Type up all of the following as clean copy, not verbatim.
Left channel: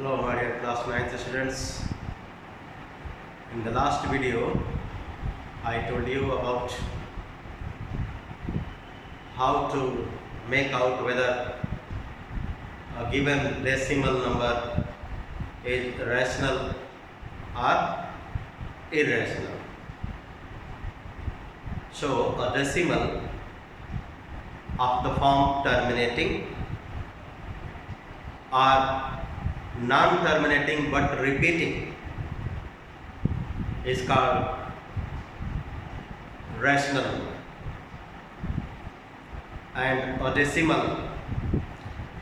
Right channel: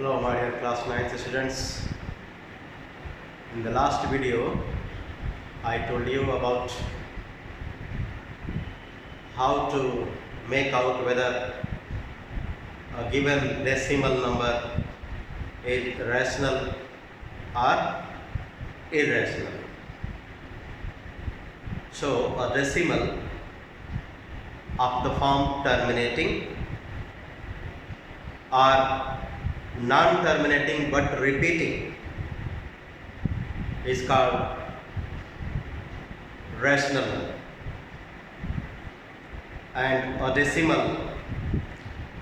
Hello my dear class 9th students. In the last video I told you about how to make out whether a given decimal number is rational or irrational. So a decimal of the form terminating or non-terminating but repeating is called rational number, and a decimal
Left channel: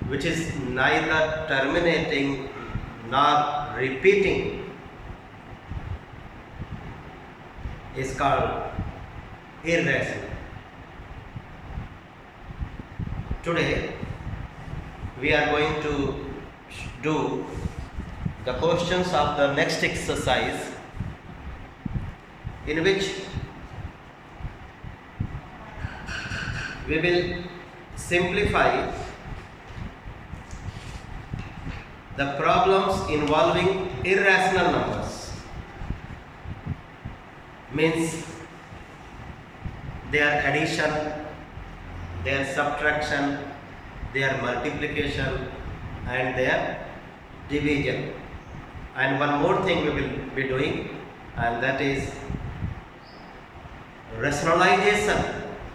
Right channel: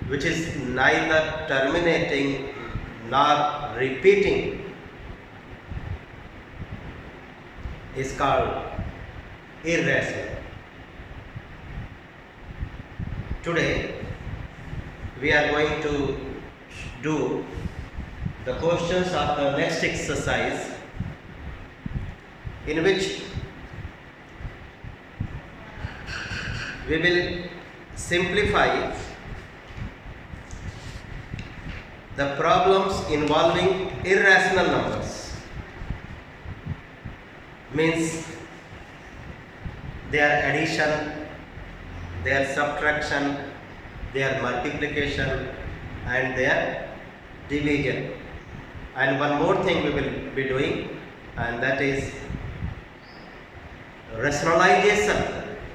which is neither terminating nor repeating is called irrational. Today we are going to do the questions of the next exercise, in which we will simplify the problems involving irrational numbers, means their addition, their subtraction, their multiplication and their division. And one more thing we will be doing, and that is rationalization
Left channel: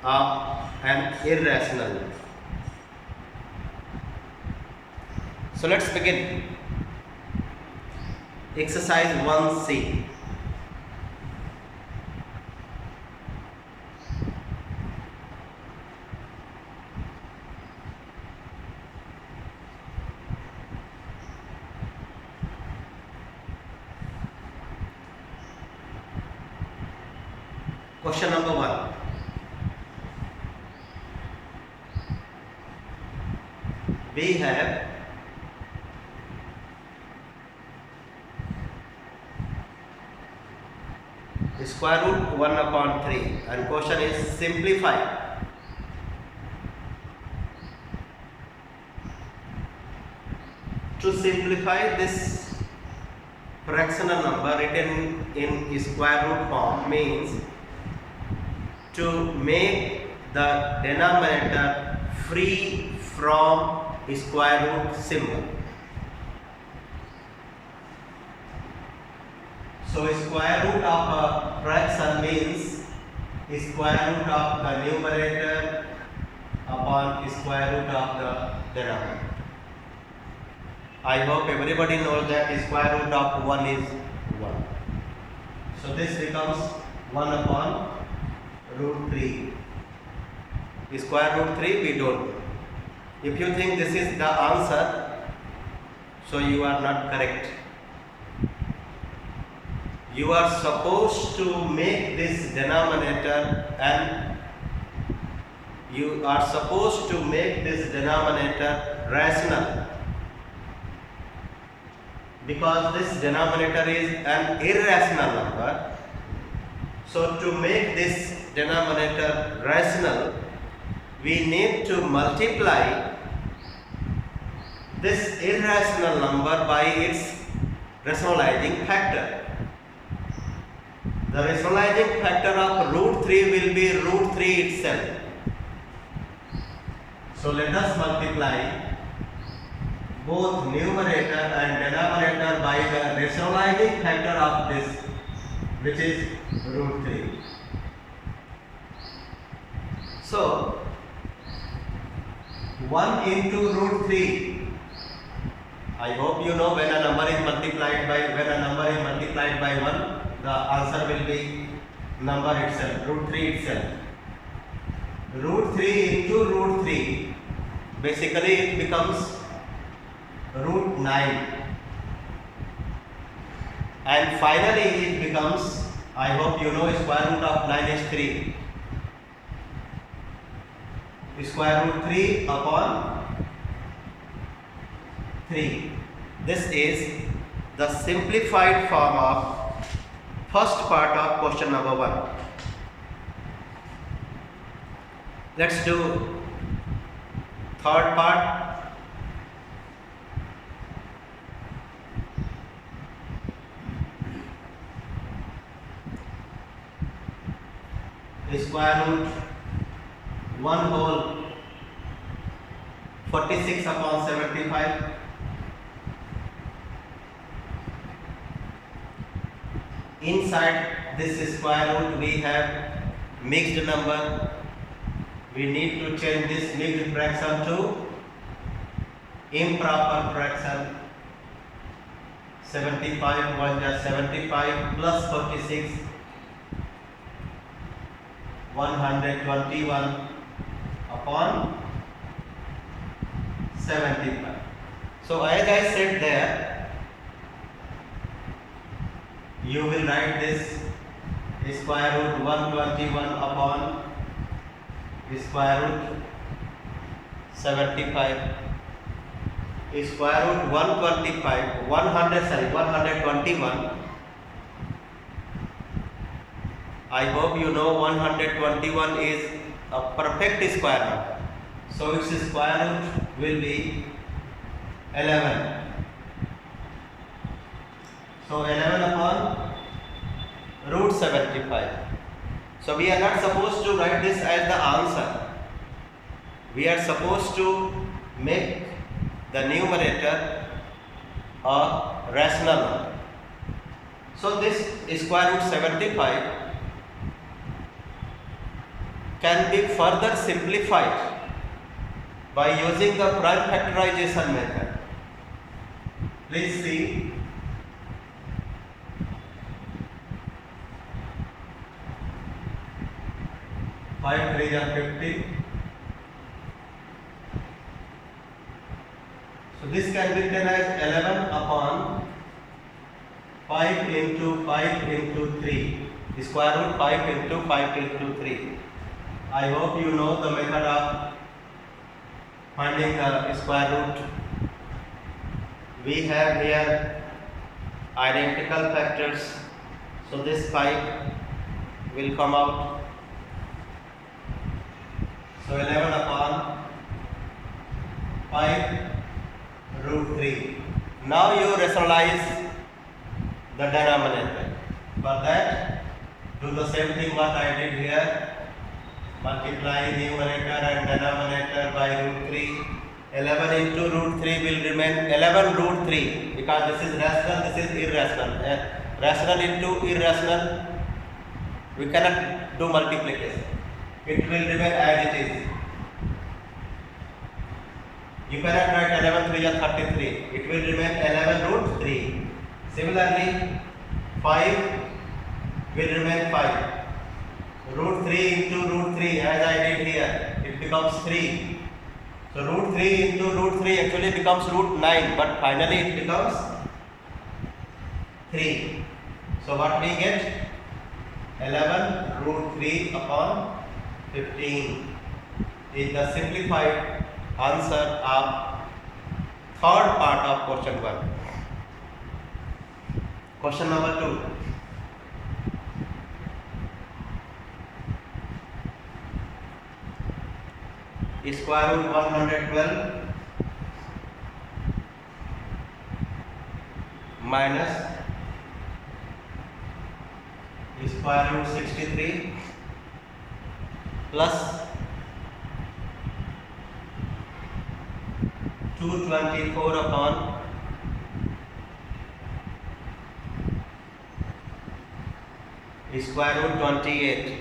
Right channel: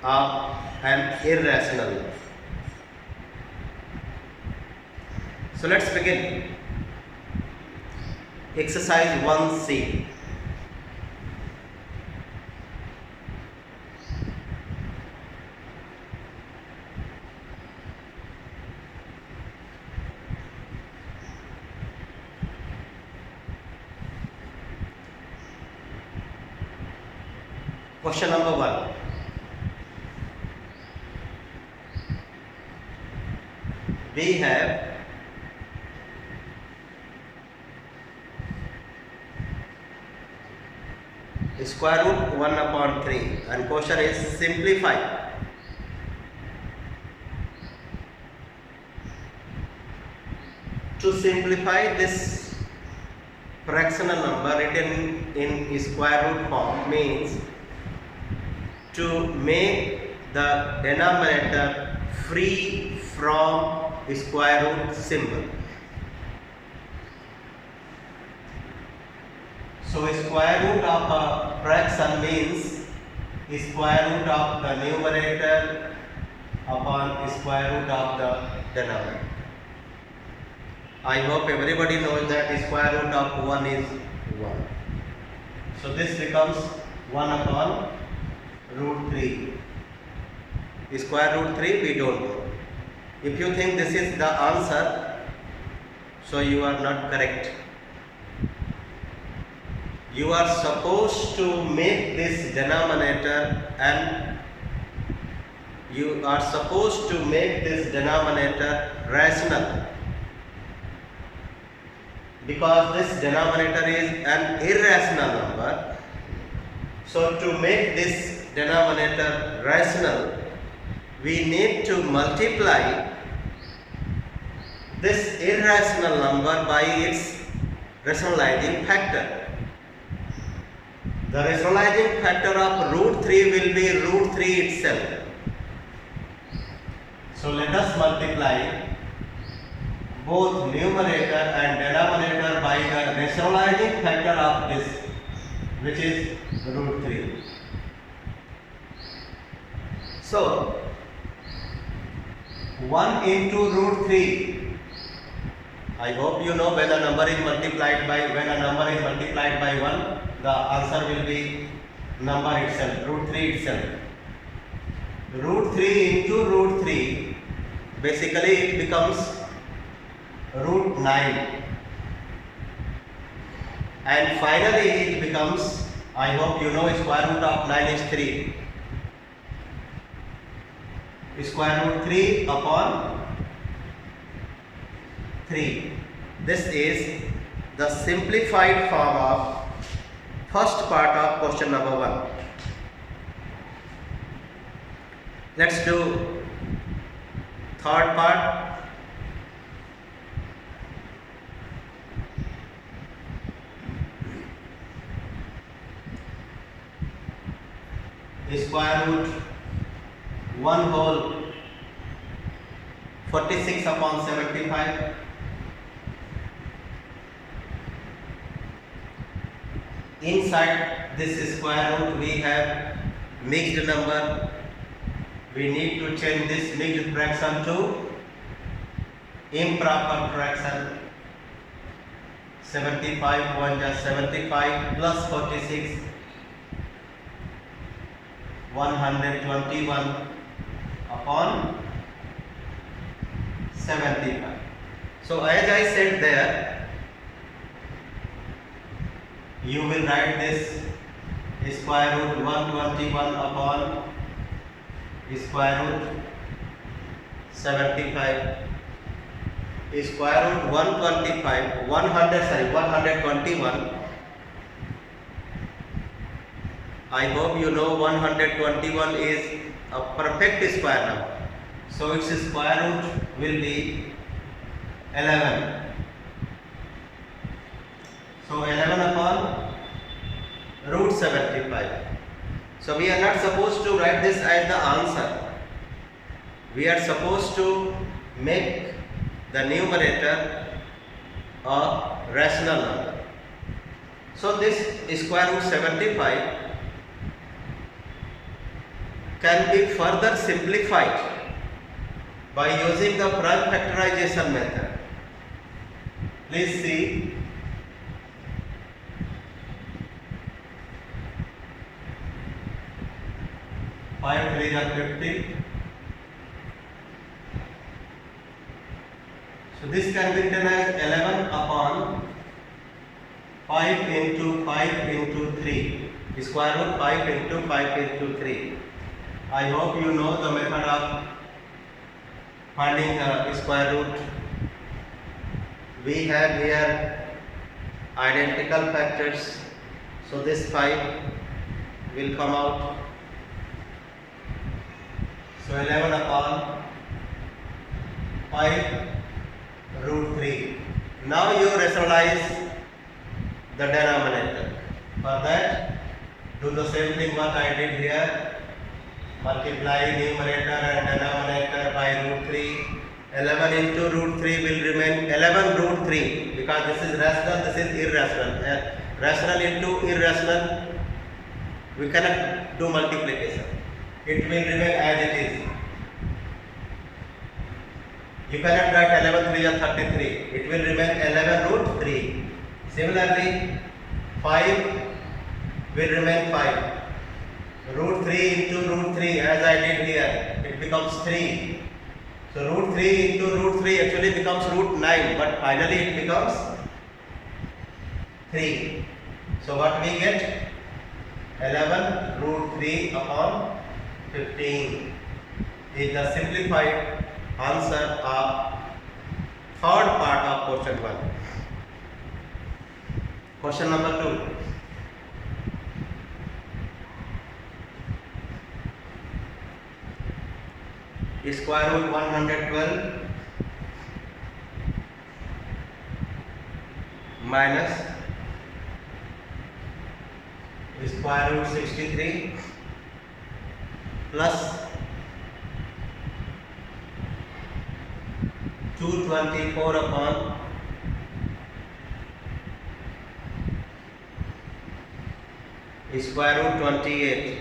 of an irrational number. So let's begin. Exercise 1C. Question number 1. We have square root 1 upon 3, and question is simplify. To simplify this fractional number written in square root form means to make the denominator free from square root symbol. So square root of a fraction means square root of the numerator upon square root of the denominator. I hope everybody knows that square root of 1 is 1. So this becomes 1 upon root 3. Square root 3 we don't know. If you think this is the answer, so you are not correct. You are supposed to make this denominator, and you are supposed to make this denominator rational, because this denominator is an irrational number. So to make this denominator rational, we need to multiply this irrational number by its rationalizing factor. The rationalizing factor of root 3 will be root 3 itself. So let us multiply both numerator and denominator by the rationalizing factor of this, which is root 3. So 1 into root 3. I hope you know when a number is multiplied by 1, the answer will be number itself, root 3 itself. Root 3 into root 3, basically it becomes root 9. And finally it becomes, I hope you know, square root of 9 is 3. Square root 3 upon 3. This is the simplified form of first part of question number 1. Let's do third part. square root 1 whole 46 upon 75. Inside this square root we have mixed number. We need to change this mixed fraction to improper fraction. 75 1 just 75 plus 46 121 upon 75. So as I said there, you will write this square root 121 upon square root 75. Square root 121. I hope you know 121 is a perfect square number. So its square root will be 11. So 11 upon root 75. So we are not supposed to write this as the answer. We are supposed to make the numerator a rational number. So this square root 75 can be further simplified by using the prime factorization method. Please see. Five 3 are 50. So this can be written as 11 upon 5 into 5 into 3. Square root 5 into 5 into 3. I hope you know the method of finding the square root. We have here identical factors. So this 5 will come out. So 11 upon 5 root 3. Now you rationalize the denominator. For that, do the same thing what I did here. Multiply numerator and denominator by root 3. 11 into root 3 will remain 11 root 3 because this is rational, this is irrational. Rational into irrational, we cannot do multiplication. It will remain as it is. You cannot write 11 3 or 33. It will remain 11 root 3. Similarly, 5 will remain 5. Root 3 into root 3 as I did here, it becomes 3. So root 3 into root 3 actually becomes root 9, but finally it becomes 3. So what we get? 11 root 3 upon 15 is the simplified answer of third part of question 1. Question number 2. Square root 112 minus square root 63 plus 224 upon square root 28.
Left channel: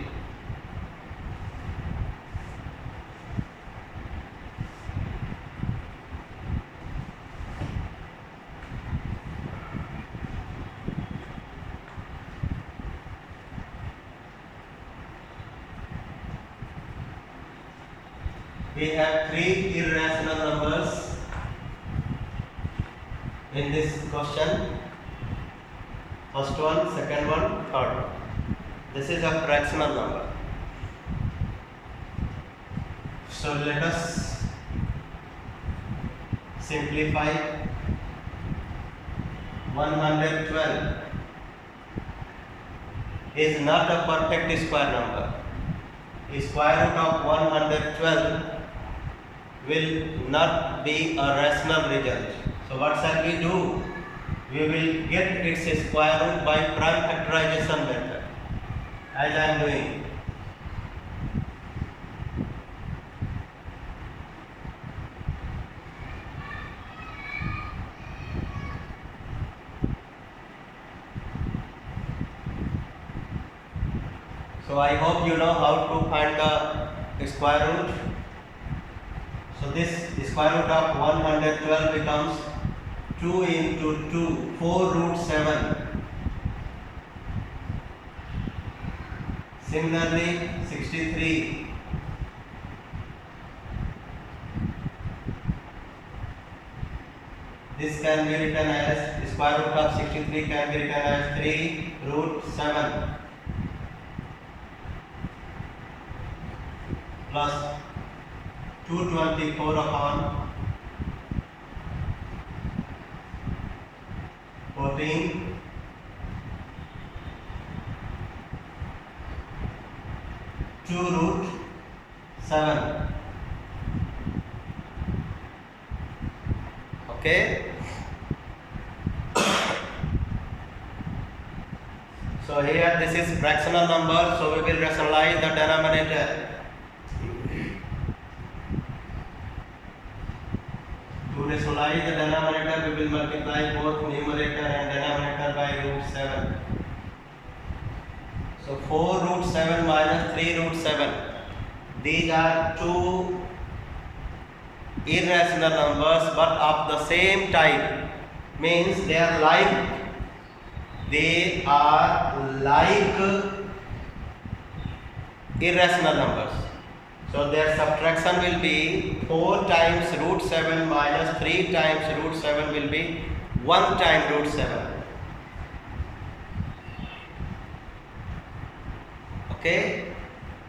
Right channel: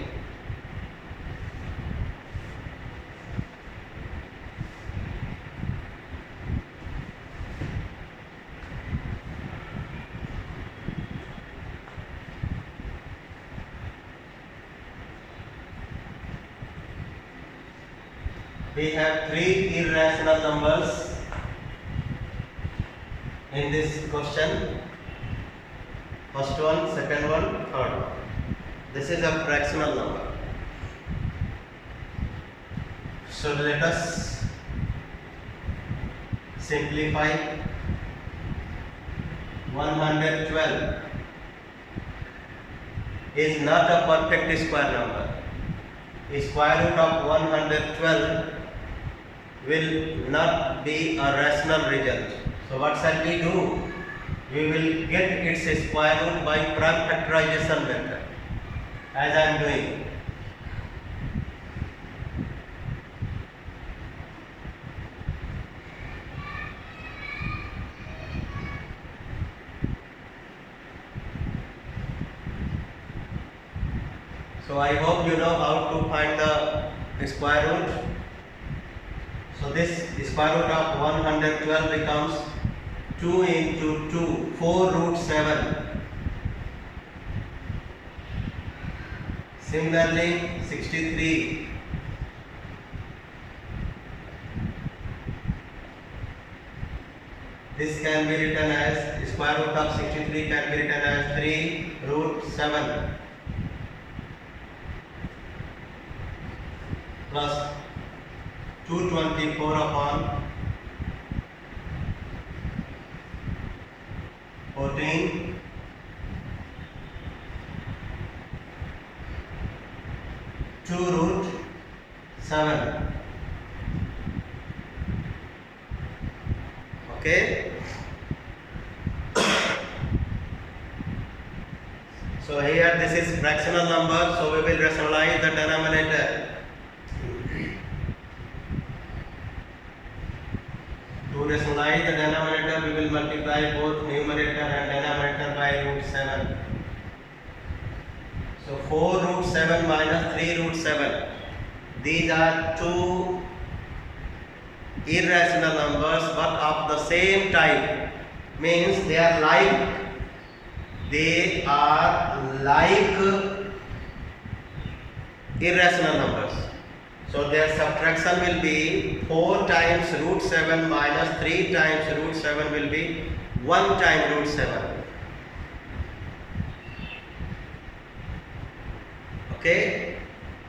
We have 3 irrational numbers in this question. First one, second one, third. This is a fractional number. So let us simplify. 112 is not a perfect square number. Square root of 112 will not be a rational result. So what shall we do? We will get its square root by prime factorization method, as I am doing. I hope you know how to find the square root. So this square root of 112 becomes 2 into 2, 4 root 7. Similarly, 63. This can be written as square root of 63 can be written as 3 root 7 plus 224 upon 14 2 root 7. Okay. So here this is fractional number, so we will rationalize the denominator. To rationalize the denominator, we will multiply both numerator and denominator by root 7. So 4 root 7 minus 3 root 7. These are two irrational numbers but of the same type. Means they are like irrational numbers. So their subtraction will be 4 times root 7 minus 3 times root 7 will be 1 time root 7. Okay,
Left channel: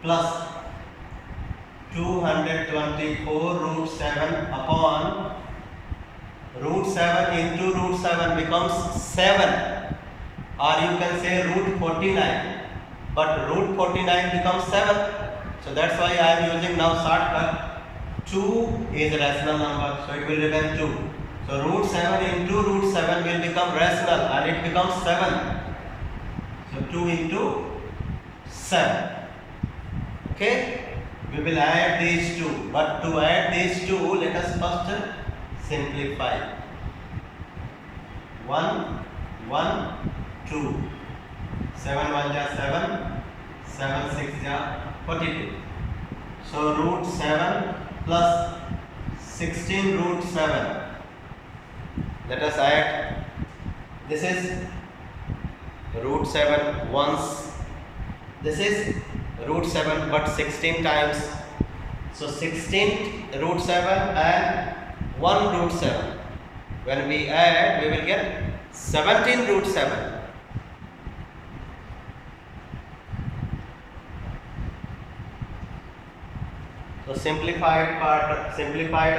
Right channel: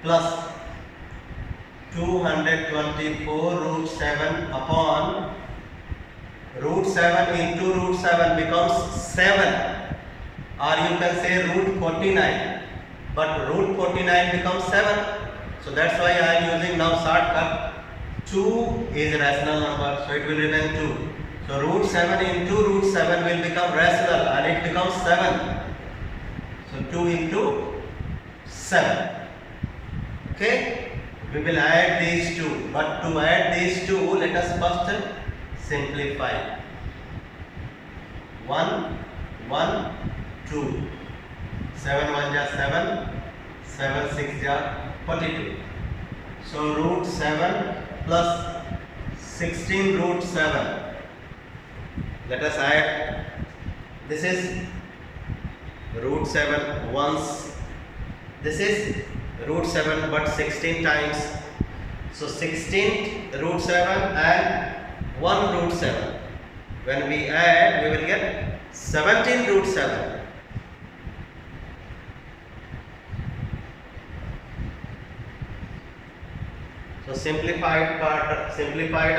plus 224 root 7 upon root 7 into root 7 becomes 7, or you can say root 49, but root 49 becomes 7. So that's why I am using now shortcut. 2 is a rational number, so it will remain 2. So root 7 into root 7 will become rational and it becomes 7. So 2 into 7. Okay. We will add these two, but to add these two, let us first simplify. 1, 1, 2. 7 1 ja 7, 7 6 ja 42. So root 7 plus 16 root 7. Let us add. This is root 7 once. This is root 7 but 16 times. So 16 root 7 and 1 root 7. When we add, we will get 17 root 7. So simplified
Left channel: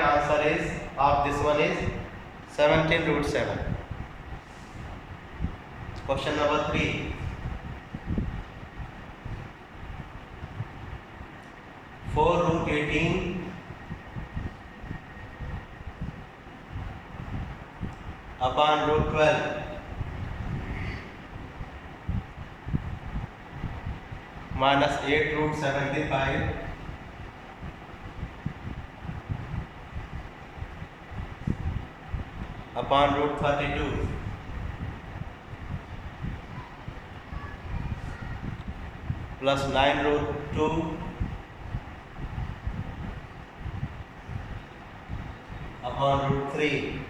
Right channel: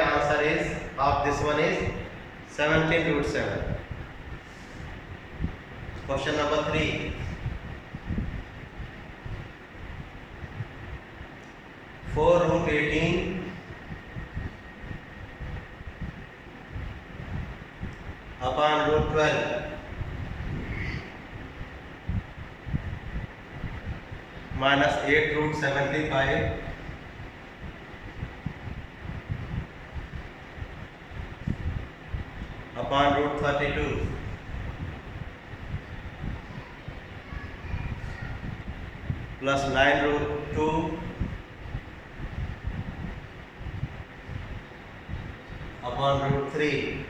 answer is of this one is 17 root 7. Question number 3. 4 root 18 upon root 12 minus 8 root 75 upon root 32 plus 9 root 2 upon root 3.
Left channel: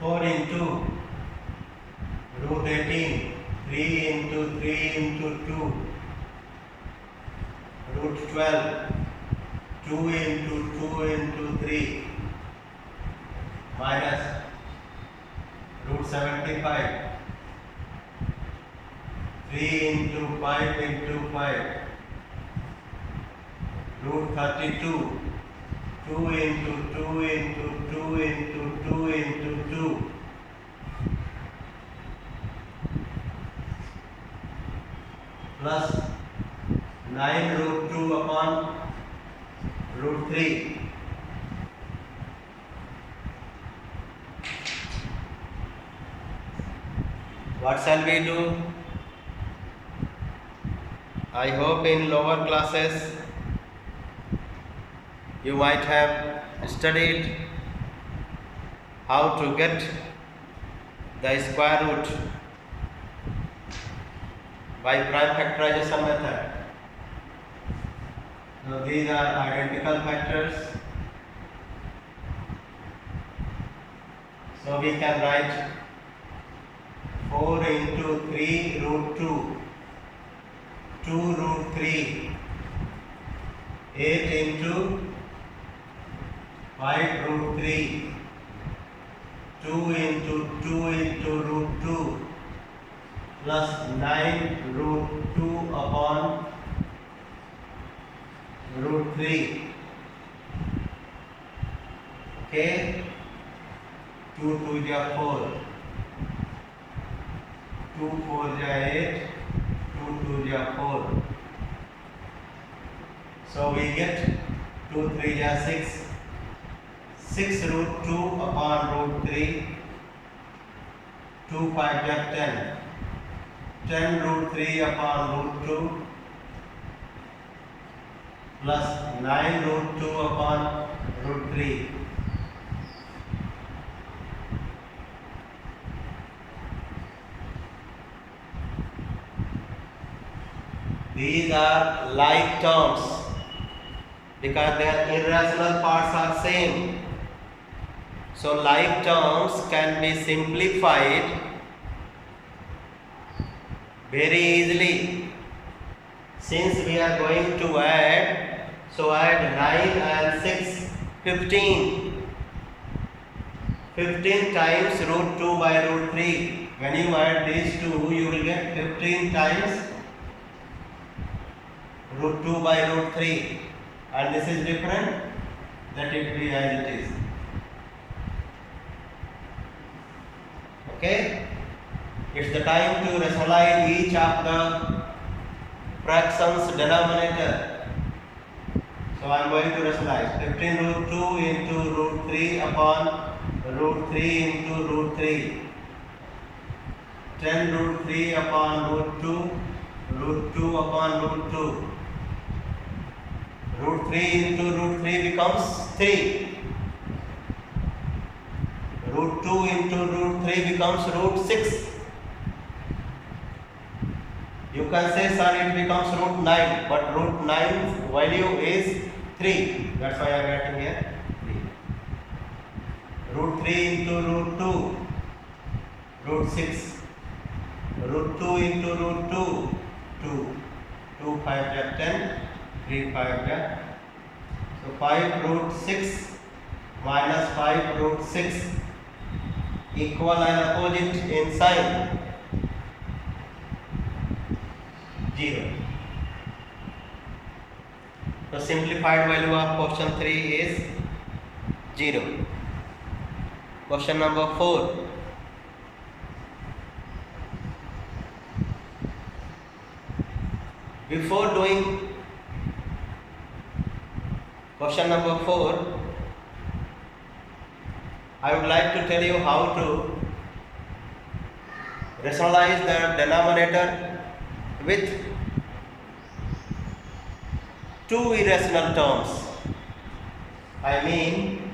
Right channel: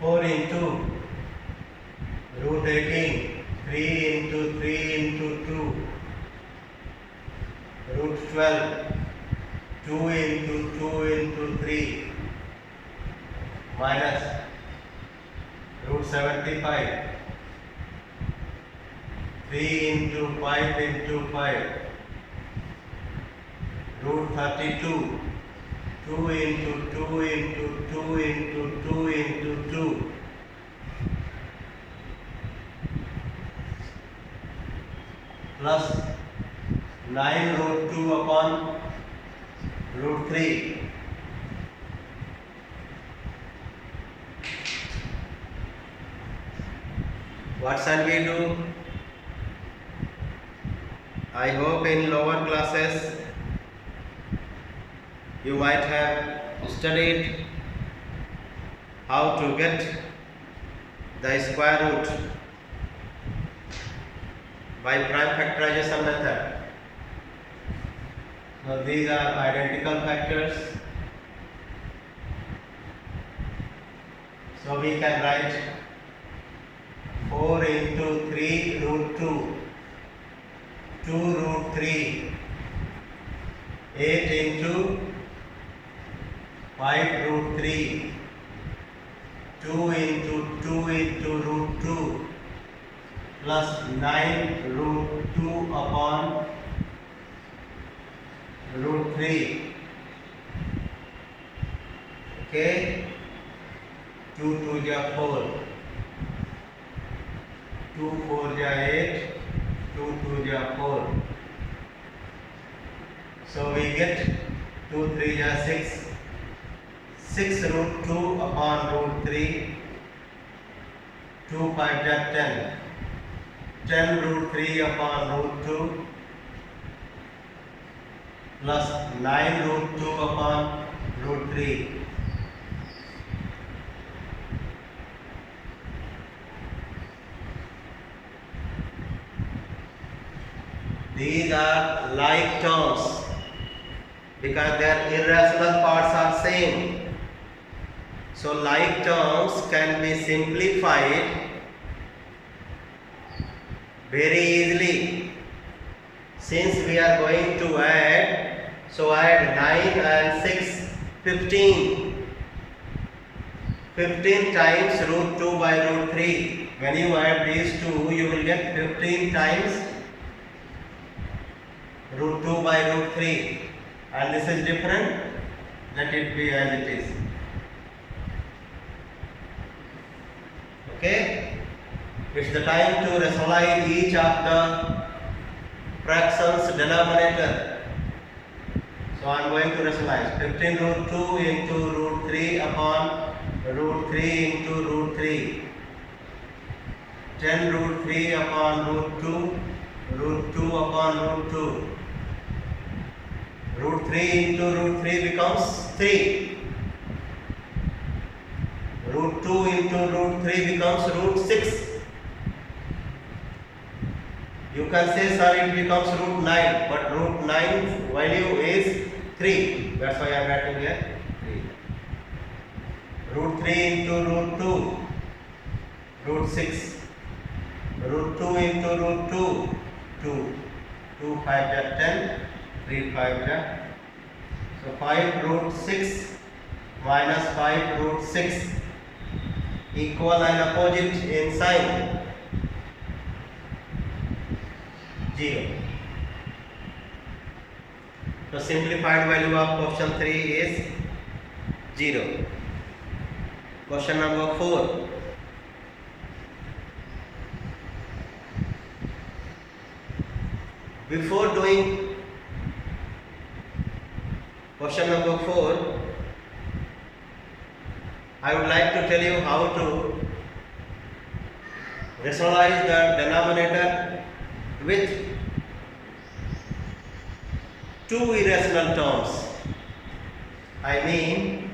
Four into root 18, 3 into 3 into 2, root 12, 2 into 2 into 3 minus root 75, 3 into 5 into 5, root 32, 2 into 2 into 2 into 2 into 2 plus 9 root 2 upon root 3. What shall we do? I hope in lower classes you might have studied how to get the square root by prime factorization method. So these are identical factors. So we can write 4 into 3 root 2, 2 root 3, 8 into 5 root 3, 2 into root 2 plus 9 root 2 upon root 3. Okay, 2 2 ja 4, 2 4 ja 8, 2 2 ja 4. So we get 2 3 ja 6, 6 root 2 upon root 3, 2 5 ja 10, 10 root 3 upon root 2 plus 9 root 2 upon root 3. These are like terms because their irrational parts are same. So like terms can be simplified very easily. Since we are going to add, so add 9 and 6, 15. 15 times root 2 by root 3. When you add these two, you will get 15 times root 2 by root 3. And this is different, let it be as it is. Okay? It's the time to rationalize each of the fractions denominator. So I am going to rationalize 15 root 2 into root 3 upon root 3 into root 3. 10 root 3 upon root 2 upon root 2. Root 3 into root 3 becomes 3. Root 2 into root 3 becomes root 6. You can say, sir, it becomes root 9, but root 9 value is 3. That's why I am writing here 3. Root 3 into root 2, root 6. Root 2 into root 2, 2. 2 5 is 10, 3 5 is. So 5 root 6 minus 5 root 6 equal and opposite in sign. 0. So simplified value of question 3 is 0. Question number 4. Before doing question number 4, I would like to tell you how to rationalize the denominator with two irrational terms. I mean,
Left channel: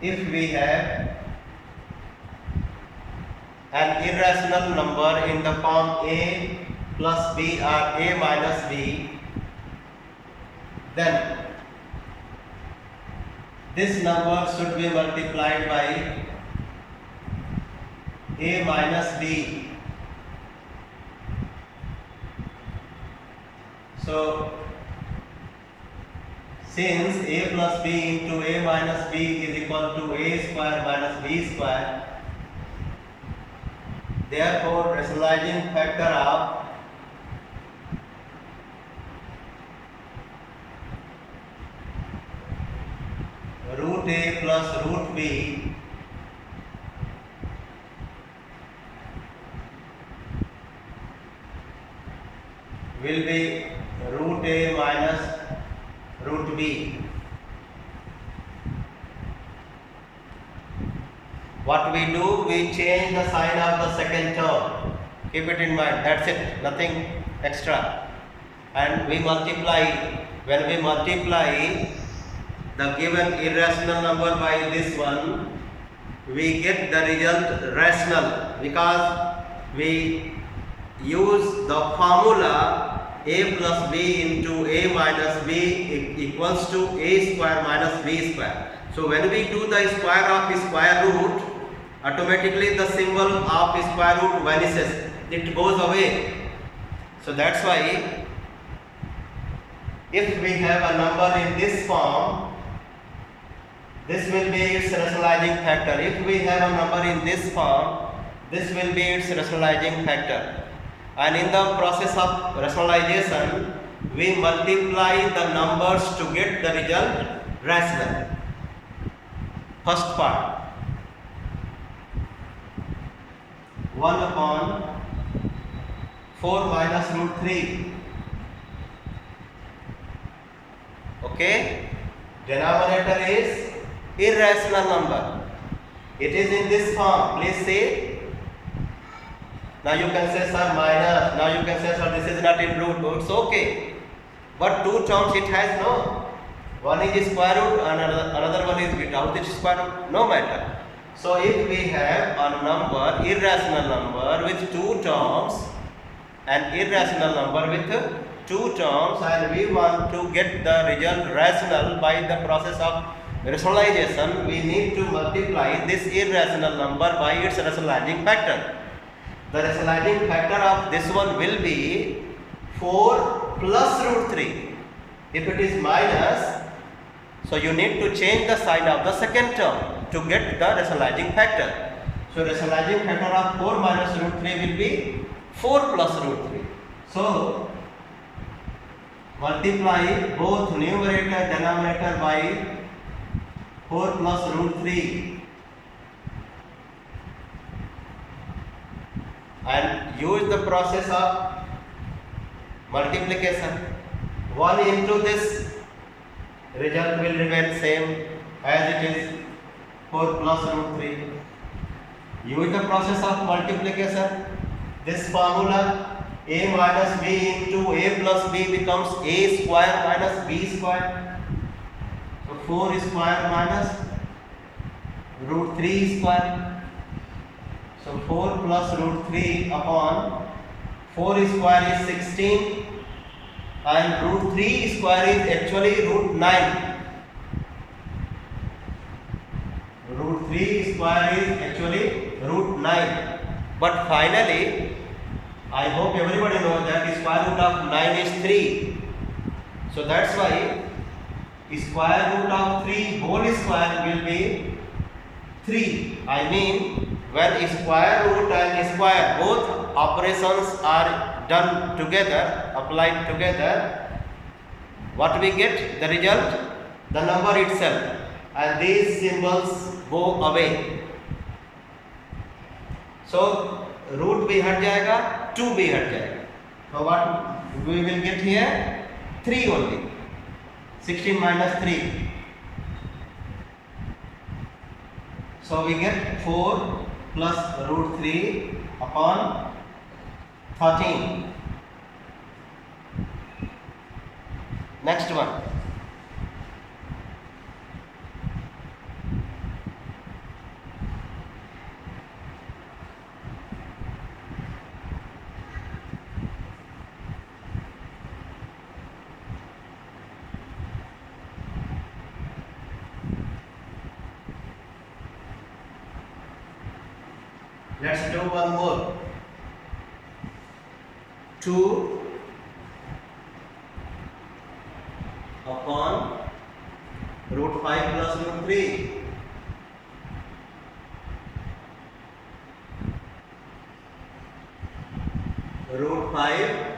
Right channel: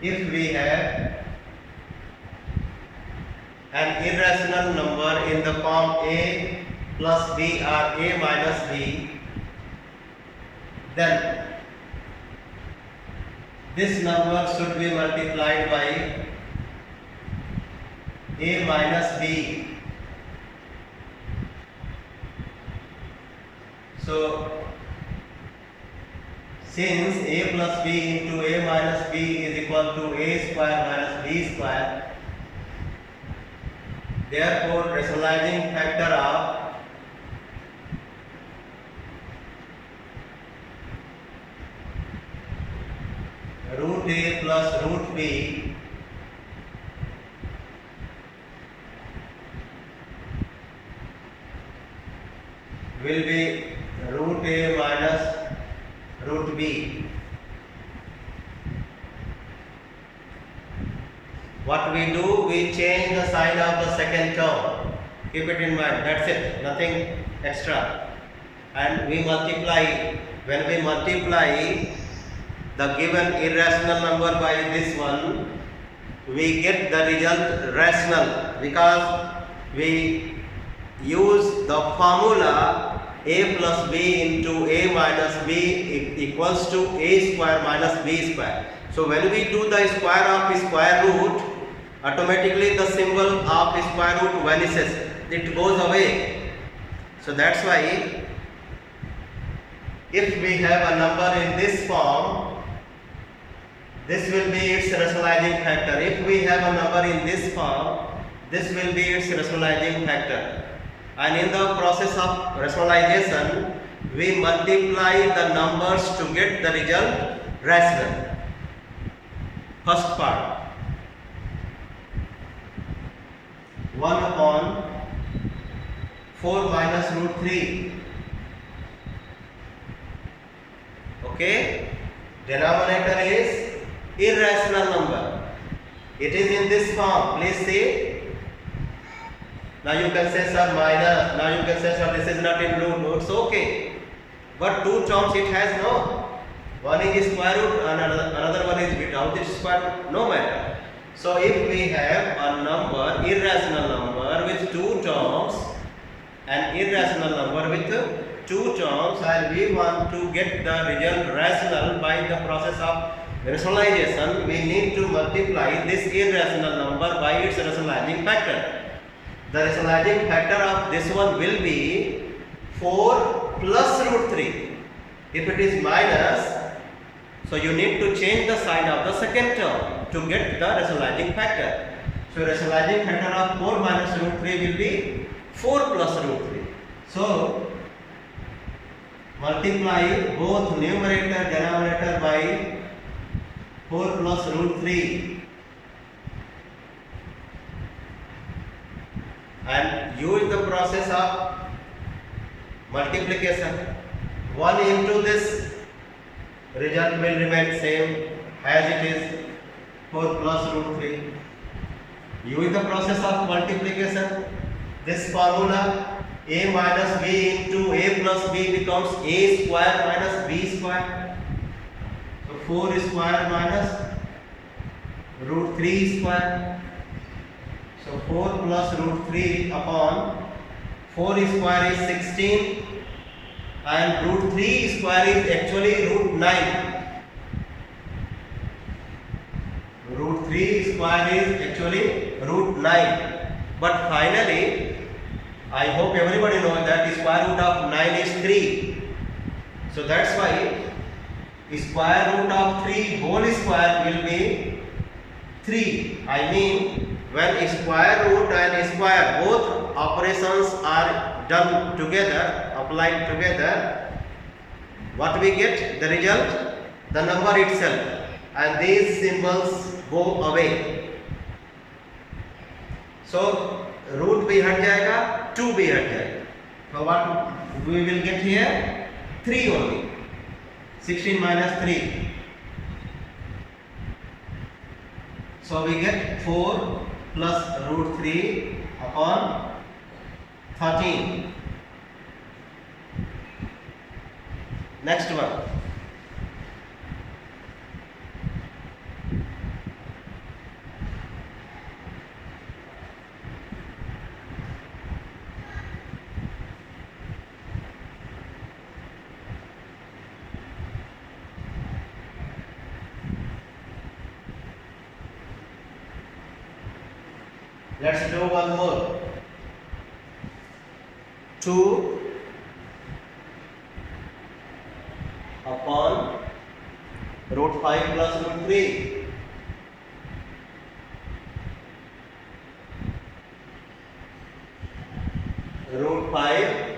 if we have an irrational number in the form a plus b or a minus b, then this number should be multiplied by a minus b. So since a plus b into a minus b is equal to a square minus b square, therefore rationalizing factor of root a plus root b will be root a minus root b. What we do, we change the sign of the second term. Keep it in mind, that's it, nothing extra. and we multiply. When we multiply the given irrational number by this one, we get the result rational, because we use the formula a plus b into a minus b equals to a square minus b square. So when we do the square of square root, automatically the symbol of square root vanishes, it goes away. So that's why if we have a number in this form, this will be its rationalizing factor. If we have a number in this form, this will be its rationalizing factor. And in the process of rationalization, we multiply the numbers to get the result rational. First part, 1 upon 4 minus root 3. Okay, denominator is irrational number. It is in this form. Please see. Now you can say, sir, minus. Now you can say, sir, this is not in root. It's okay. But two terms it has, no. One is square root and another one is without its square root. No matter. So if we have a number, irrational number with two terms, an irrational number with two terms, and we want to get the result rational by the process of rationalization, we need to multiply this irrational number by its rationalizing factor. The rationalizing factor of this one will be 4 plus root 3. If it is minus, so you need to change the sign of the second term to get the rationalizing factor. So rationalizing factor of 4 minus root 3 will be 4 plus root 3. So multiply both numerator and denominator by 4 plus root 3 and use the process of multiplication. 1 into this, result will remain same as it is 4 plus root 3. Use the process of multiplication. This formula a minus b into a plus b becomes a square minus b square. So 4 square minus root 3 square. So 4 plus root 3 upon 4 square is 16 and root 3 square is actually root 9. Root 3 square is actually root 9. But finally, I hope everybody knows that square root of 9 is 3. So that's why square root of 3 whole square will be 3. I mean, when square root and square both operations are done together, applied together, what we get? The result? The number itself. And these symbols go away. So root भी हट जाएगा, 2 भी हट जाएगा. So what we will get here? 3 only. 16 minus 3. So we get 4 plus root 3 upon 13. Next one. Let's do one more. 2 upon root 5 plus root 3. Root 5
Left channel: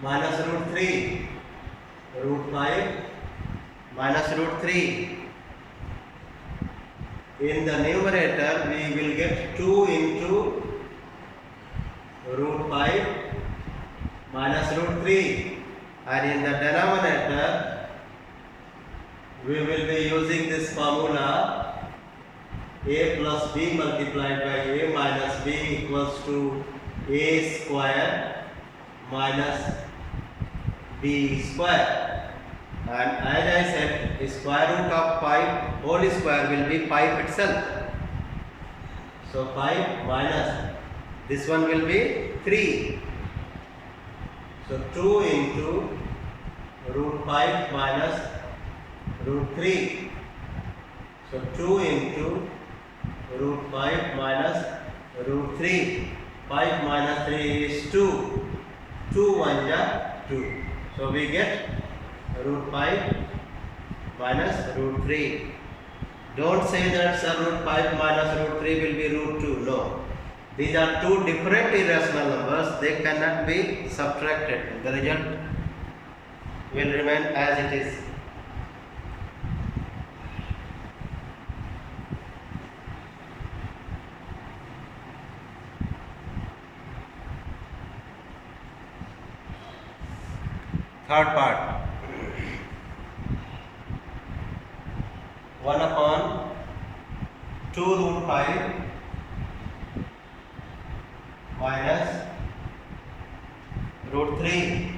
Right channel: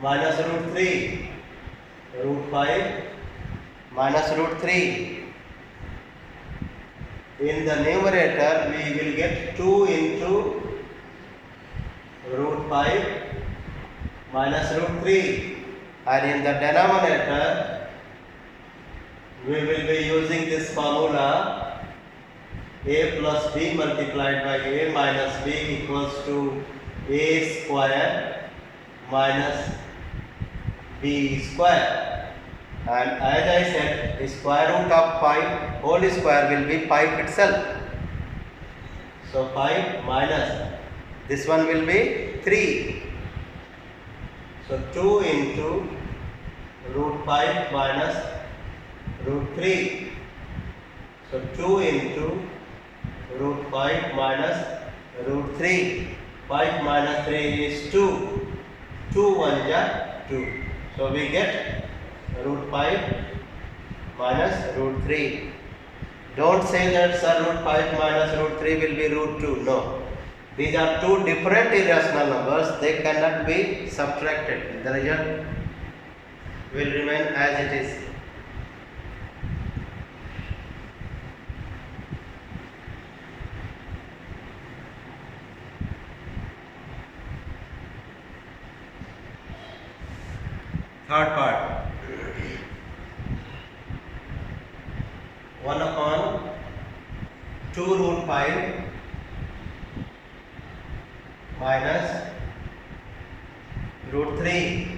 minus root 3. Root 5 minus root 3. In the numerator, we will get 2 into root 5 minus root 3. And in the denominator, we will be using this formula a plus b multiplied by a minus b equals to a square minus b square, and as I said, square root of 5 whole square will be 5 itself. So 5 minus this one will be 3. So 2 into root 5 minus root 3. So 2 into root 5 minus root 3. 5 minus 3 is 2. 2 1 is 2. So we get root 5 minus root 3. Don't say that sir, root 5 minus root 3 will be root 2. No. These are two different irrational numbers. They cannot be subtracted. The result will remain as it is. Third part. 1 upon 2 root 5 minus root 3.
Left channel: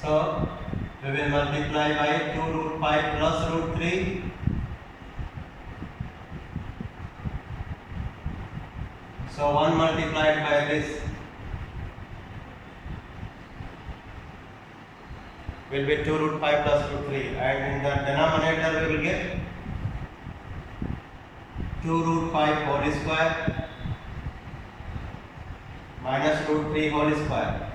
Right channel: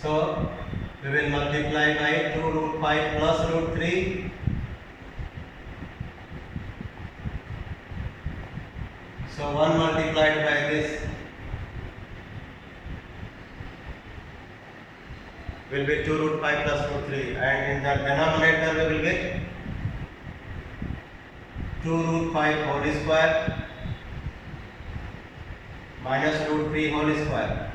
So we will multiply by 2 root 5 plus root 3. So 1 multiplied by this will be 2 root 5 plus root 3, and in the denominator we will get 2 root 5 whole square minus root 3 whole square.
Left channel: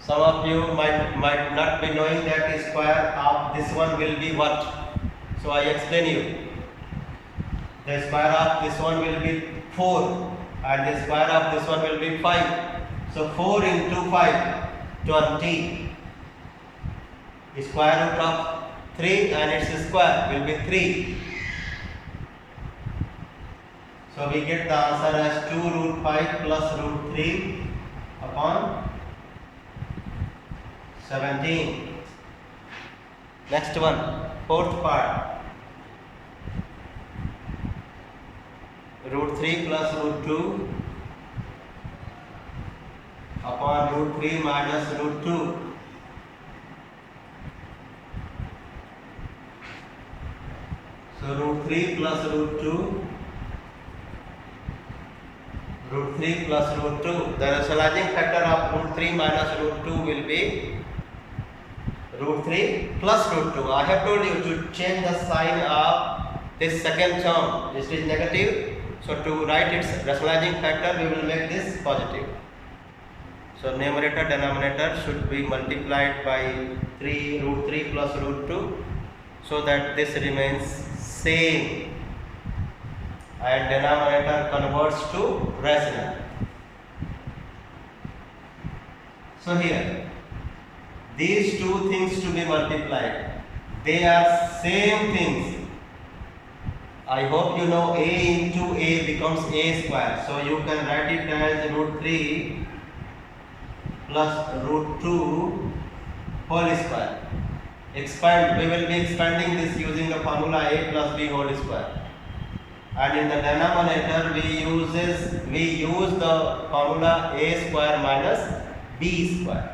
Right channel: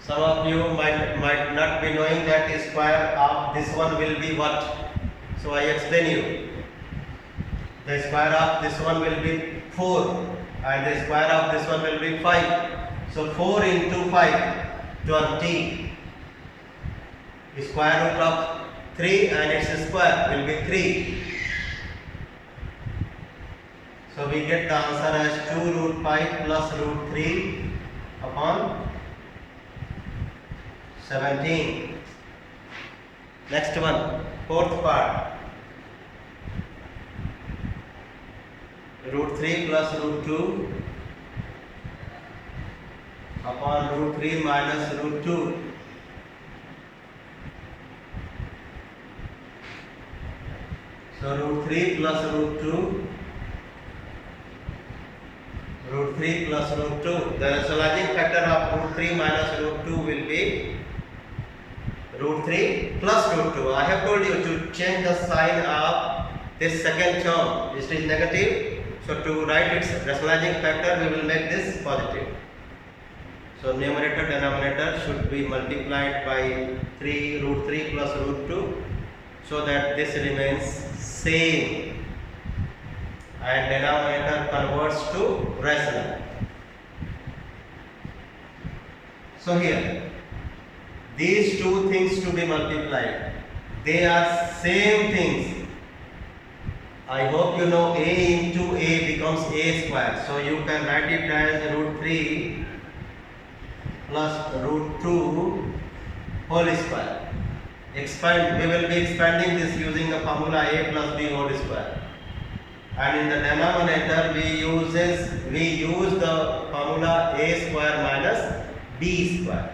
Some of you might not be knowing that square of this one will be what. So I explain you. The square of this one will be 4 and the square of this one will be 5. So 4 into 5, 20. The square root of 3 and its square will be 3. So we get the answer as 2 root 5 plus root 3 upon 17. Next one, fourth part. Root 3 plus root 2 upon root 3 minus root 2. So root 3 plus root 2, root 3 plus root 2. The rationalizing factor of root 3 minus root 2 will be root 3 plus root 2. I have told you to change the sign of this second term. It is negative. So to write its rationalizing factor, we will make this positive. So numerator denominator should be multiplied by 3 root 3 plus root 2, so that this remains same and denominator converts to rational. So here these two things to be multiplied, they are same things. I hope you know a into a becomes a square. So you can write it as root 3 plus root 2 whole square. Expand, we will be expanding this using the formula a plus b whole square. And in the denominator we use the formula a square minus b square.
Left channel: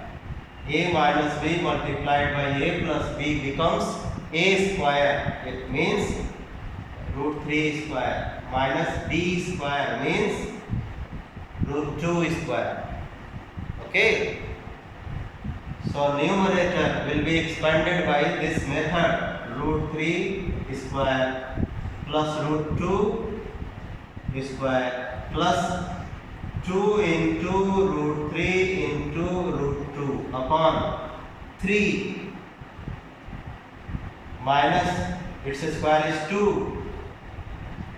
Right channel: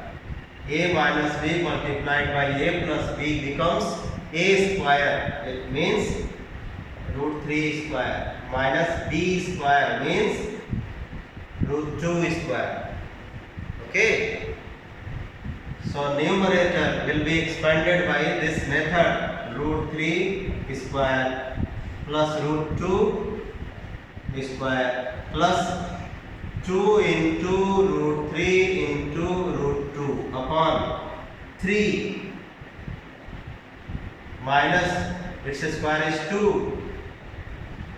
A minus b multiplied by a plus b becomes a square. It means root 3 square minus b square means root 2 square. Okay. So numerator will be expanded by this method, root 3 square plus root 2 square plus 2 into root 3 into root 2 upon 3 minus its square is 2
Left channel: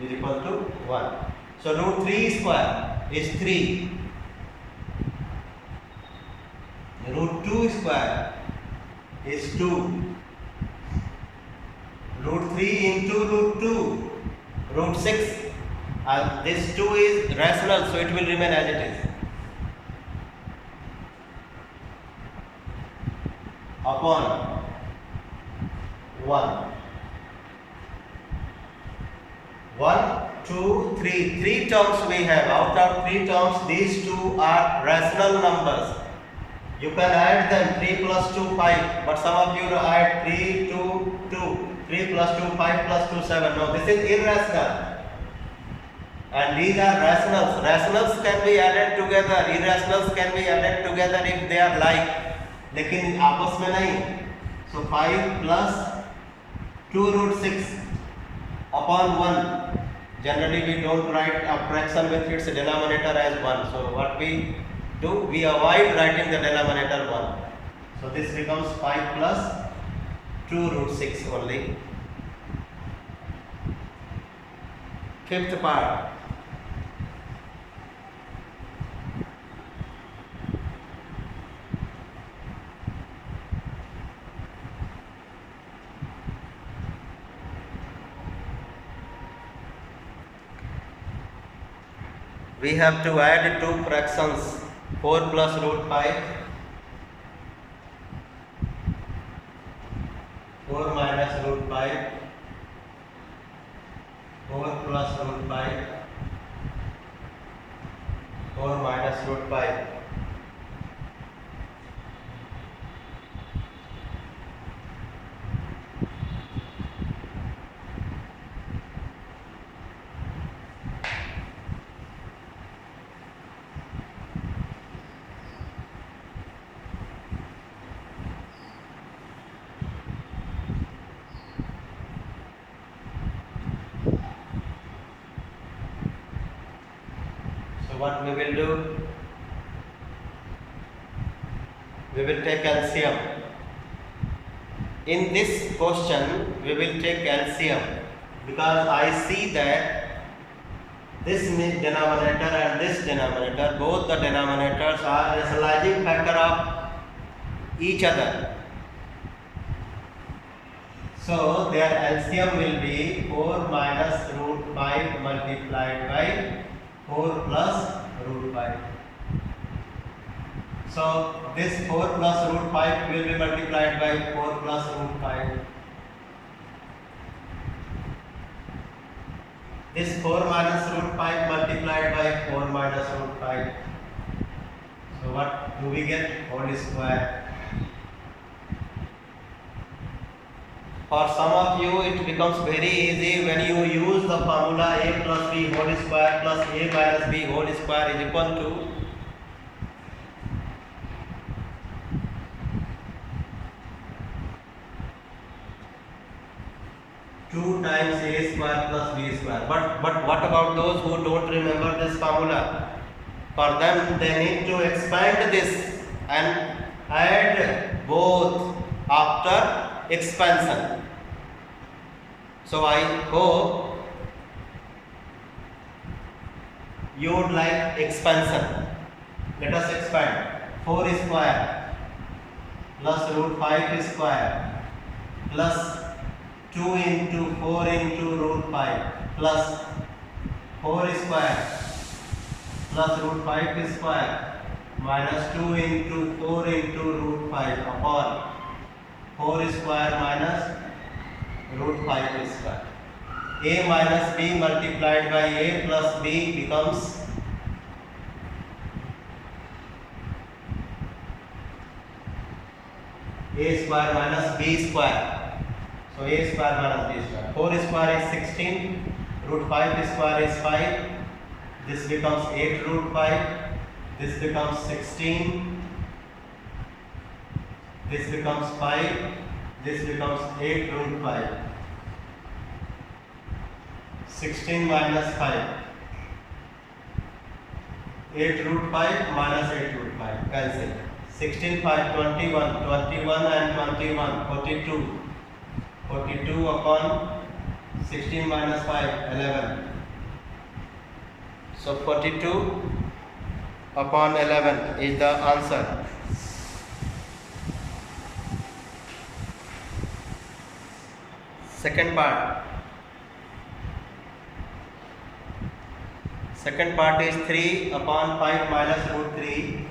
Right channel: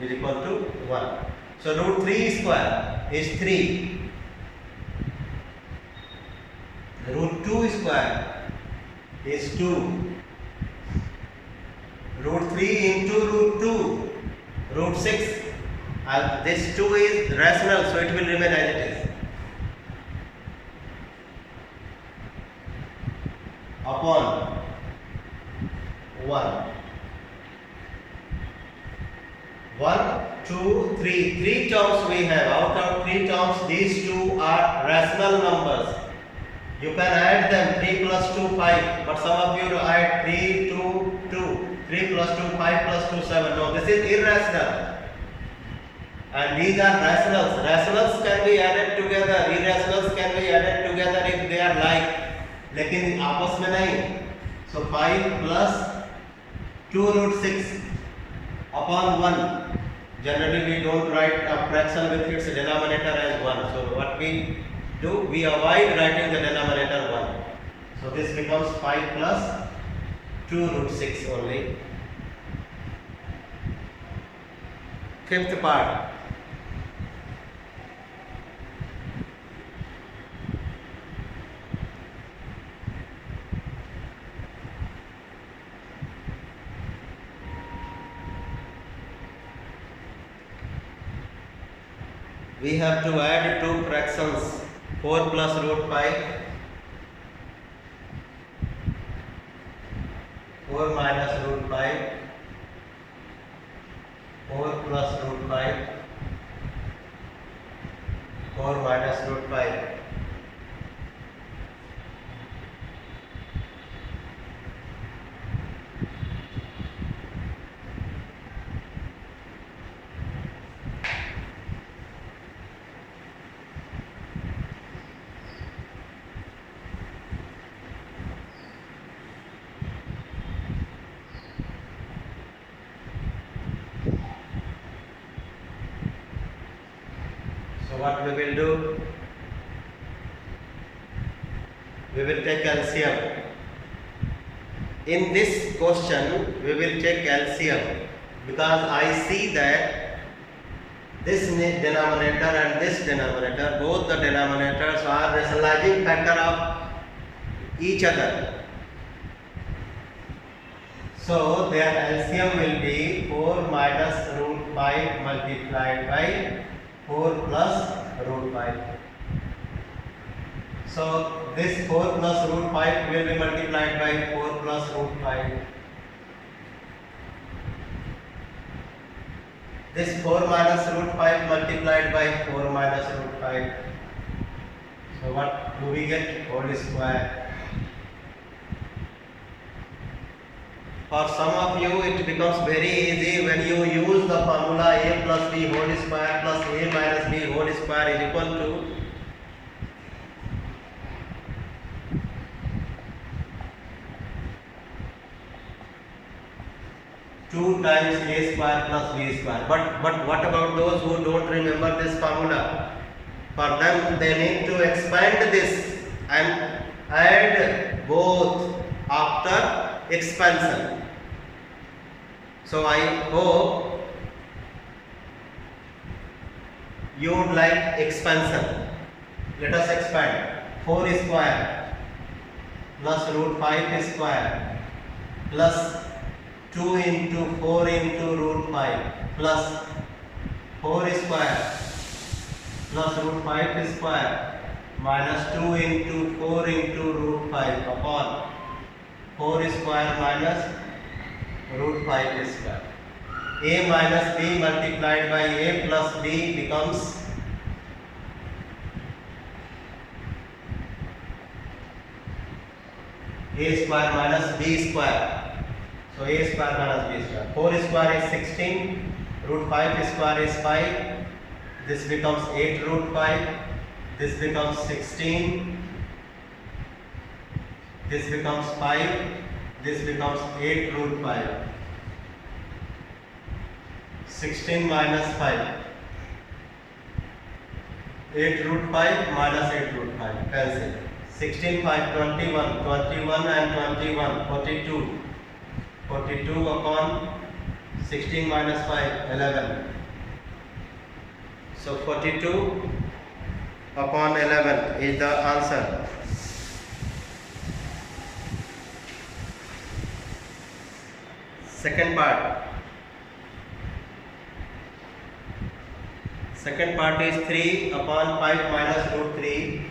is equal to 1. So root 3 square is 3. Root 2 square is 2. Root 3 into root 2, root 6. This 2 is rational, so it will remain as it is. Upon 1. 1, 2, 3. Three terms we have. Out of three terms, these two are rational numbers. You can add them. 3 plus 2, 5. But some of you add 3, 2, 2. 3 plus 2, 5 plus 2, 7. No, this is irrational. And these are rationals. Rationals can be added together. Irrationals can be added together if they are like. लेकिन आपस में नहीं. So 5 plus 2 root 6 upon 1. Generally we don't write a fraction with its denominator as 1. So what we do, we avoid writing the denominator 1. So this becomes 5 plus 2 root 6 only. Fifth part. We have to add two fractions, 4 plus root 5, 4 minus root 5, 4 plus root 5, 4 minus root 5. So what we will do? We will take LCM. In this question, we will take LCM because I see that this denominator and this denominator, both the denominators are rationalizing factor of each other. So their LCM will be 4 minus root 5 multiplied by 4 plus root 5. So this 4 plus root 5 will be multiplied by 4 plus root 5. This 4 minus root 5 multiplied by 4 minus root 5. So what do we get? Whole square. For some of you it becomes very easy when you use the formula a plus b whole square plus a minus b whole square is equal to two times a square plus b square. But what about those who don't remember this formula? For them they need to expand this and add both after expansion. So I hope you would like expansion. Let us expand. 4 square plus root 5 square plus 2 into 4 into root 5 plus 4 square plus root 5 square minus 2 into 4 into root 5 upon 4 square minus root 5 square. A minus b multiplied by a plus b becomes a square minus b square. So a square minus b square. 4 square is 16, root 5 square is 5. This becomes 8 root 5. This becomes 16. This becomes 5. This becomes 8 root 5. 16 minus 5. 8 root 5 minus 8 root 5. Cancel. 16, 5, 21. 21 and 21. 42. 42 upon 16 minus 5. 11. So 42 upon 11 is the answer. Second part. Second part is 3 upon 5 minus root 3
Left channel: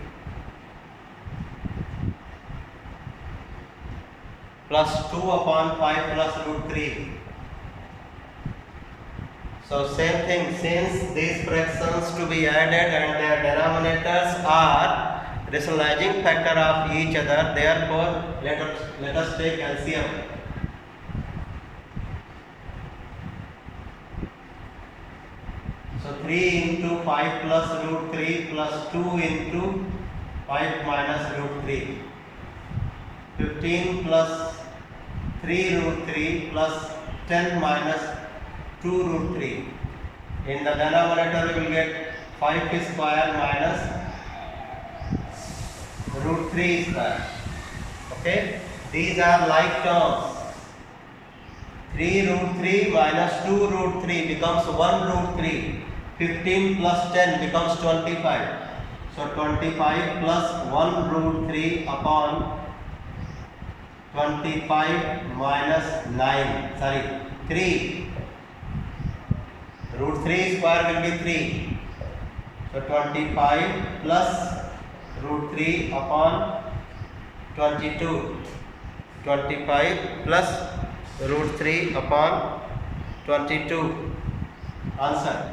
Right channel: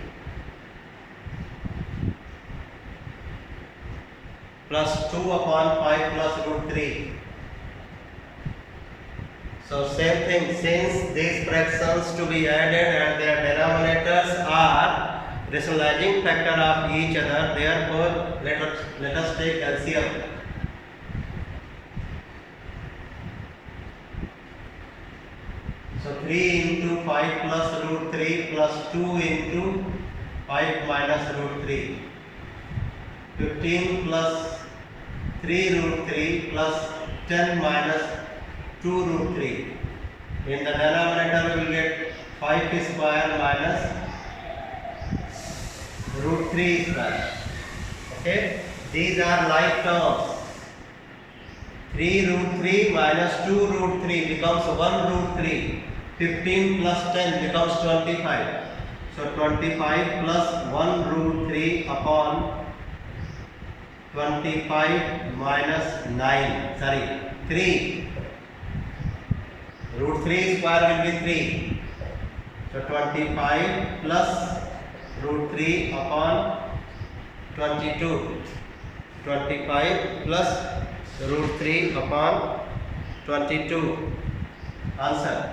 plus 2 upon 5 plus root 3. So same thing, since these fractions to be added and their denominators are rationalizing factor of each other, therefore let us take LCM. So 3 into 5 plus root 3 plus 2 into 5 minus root 3. 15 plus 3 root 3 plus 10 minus 2 root 3. In the denominator we will get 5 square minus root 3 square. Okay, these are like terms. 3 root 3 minus 2 root 3 becomes 1 root 3. 15 plus 10 becomes 25. So 25 plus 1 root 3 upon 25 minus 9. Sorry, 3. Root 3 square will be 3. So 25 plus root 3 upon 22. 25 plus root 3 upon 22. Answer.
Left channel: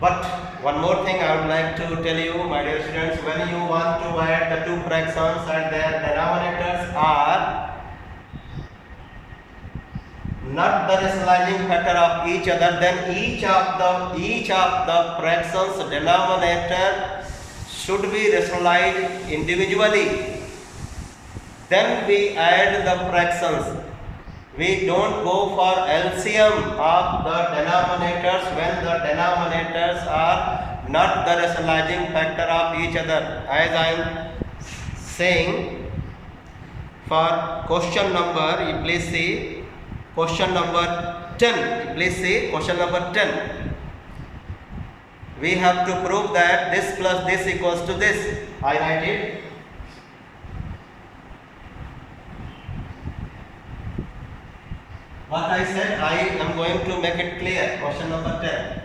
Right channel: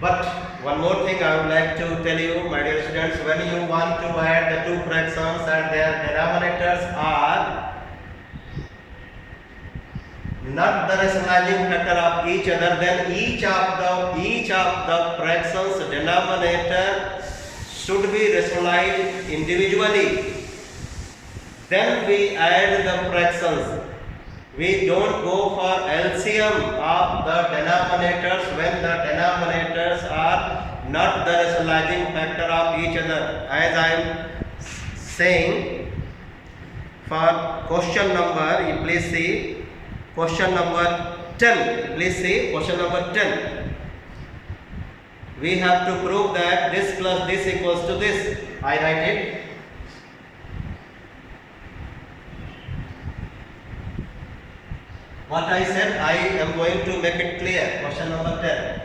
But one more thing I would like to tell you, my dear students, when you want to add the two fractions and their denominators are not the rationalizing factor of each other, then each of the fractions denominator should be rationalized individually. Then we add the fractions. We don't go for LCM of the denominators when the denominators are not the rationalizing factor of each other. As I am saying, for question number, you please see question number 10. Please see question number 10. We have to prove that this plus this equals to this. I write it. What I said, I am going to make it clear. Question number 10.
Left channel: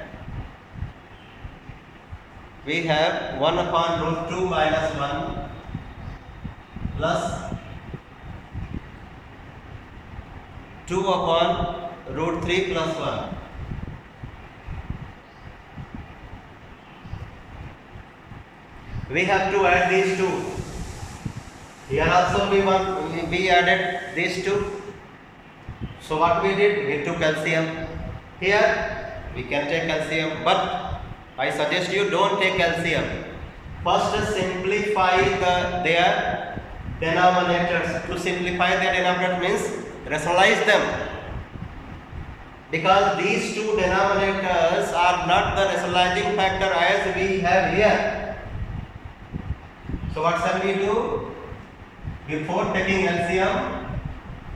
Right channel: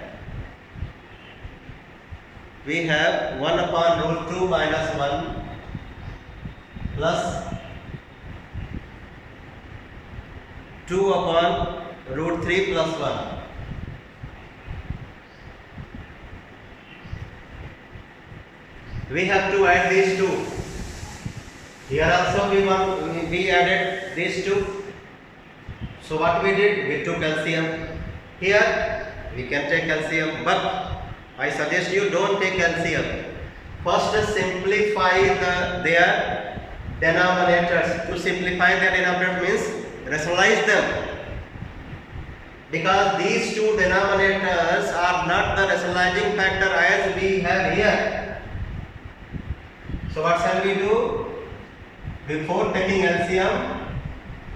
We have 1 upon root 2 minus 1 plus 2 upon root 3 plus 1. We have to add these two. Here also we added these two. So what we did? We took LCM. Here we can take LCM, but I suggest you don't take LCM. First simplify their denominators. To simplify their denominator means rationalize them. Because these two denominators are not the rationalizing factor as we have here. So what shall we do? Before taking LCM,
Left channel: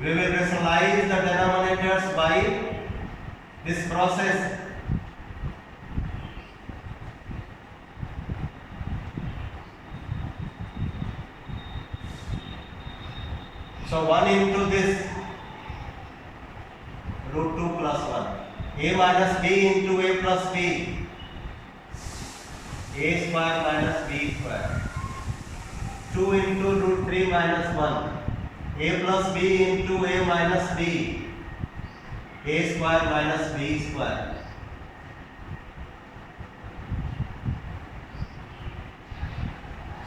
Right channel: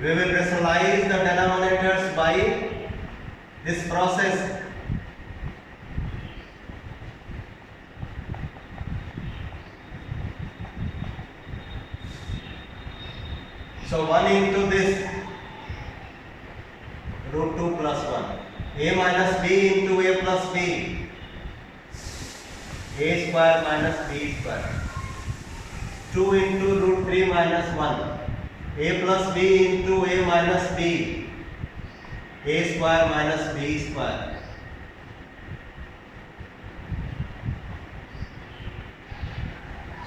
we will rationalize the denominators by this process. So 1 into this root 2 plus 1. A minus b into a plus b. A square minus b square. 2 into root 3 minus 1. A plus b into a minus b. A square minus b square.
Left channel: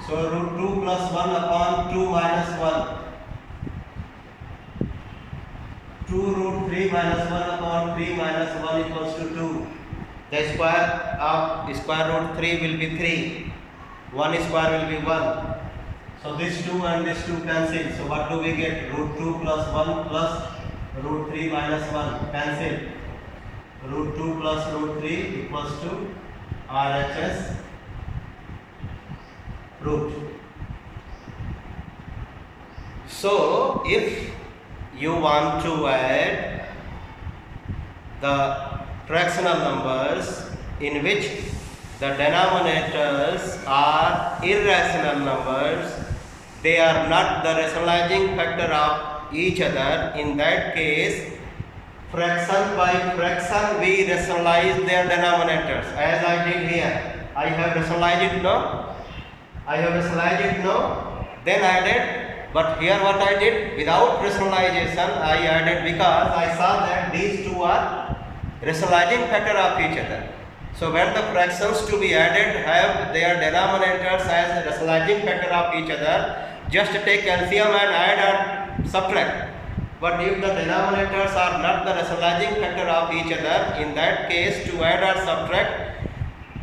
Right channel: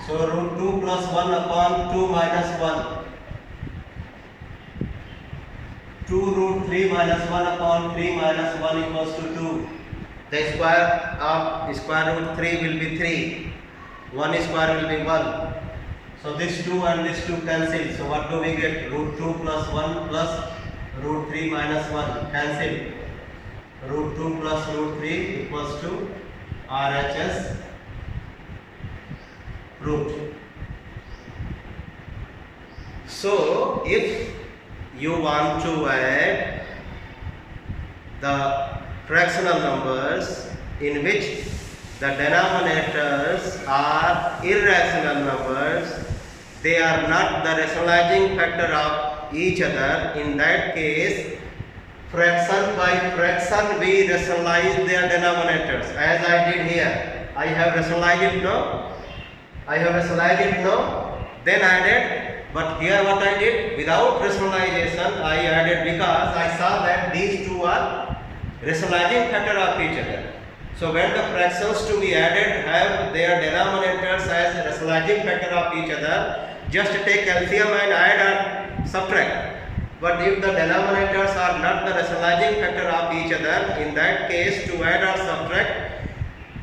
So root 2 plus 1 upon 2 minus 1. 2 root 3 minus 1 upon 3 minus 1 equals to 2. The square of square root 3 will be 3. 1 square will be 1. So this 2 and this 2 cancel. So what do we get? Root 2 plus 1 plus root 3 minus 1 cancel. Root 2 plus root 3 equals to RHS proved. So if you want to add the fractional numbers in which the denominators are irrational numbers, they are not the rationalizing factor of each other. In that case, fraction by fraction we rationalize their denominators, as I did here. I have rationalized it now. Then added But here what I did, without rationalization, I added because I saw that these two are rationalizing factor of each other. So when the fractions to be added have their denominators as a rationalizing factor of each other, just take LCM and add or subtract. But if the denominators are not the rationalizing factor of each other, in that case to add or subtract,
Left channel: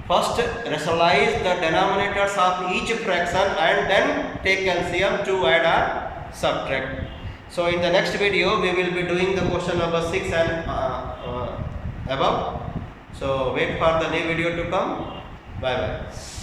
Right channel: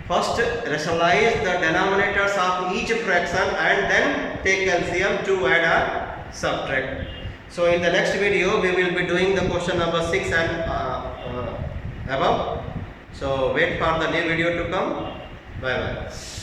first rationalize the denominators of each fraction and then take LCM to add or subtract. So in the next video we will be doing the question number 6 and above. So wait for the new video to come. Bye bye.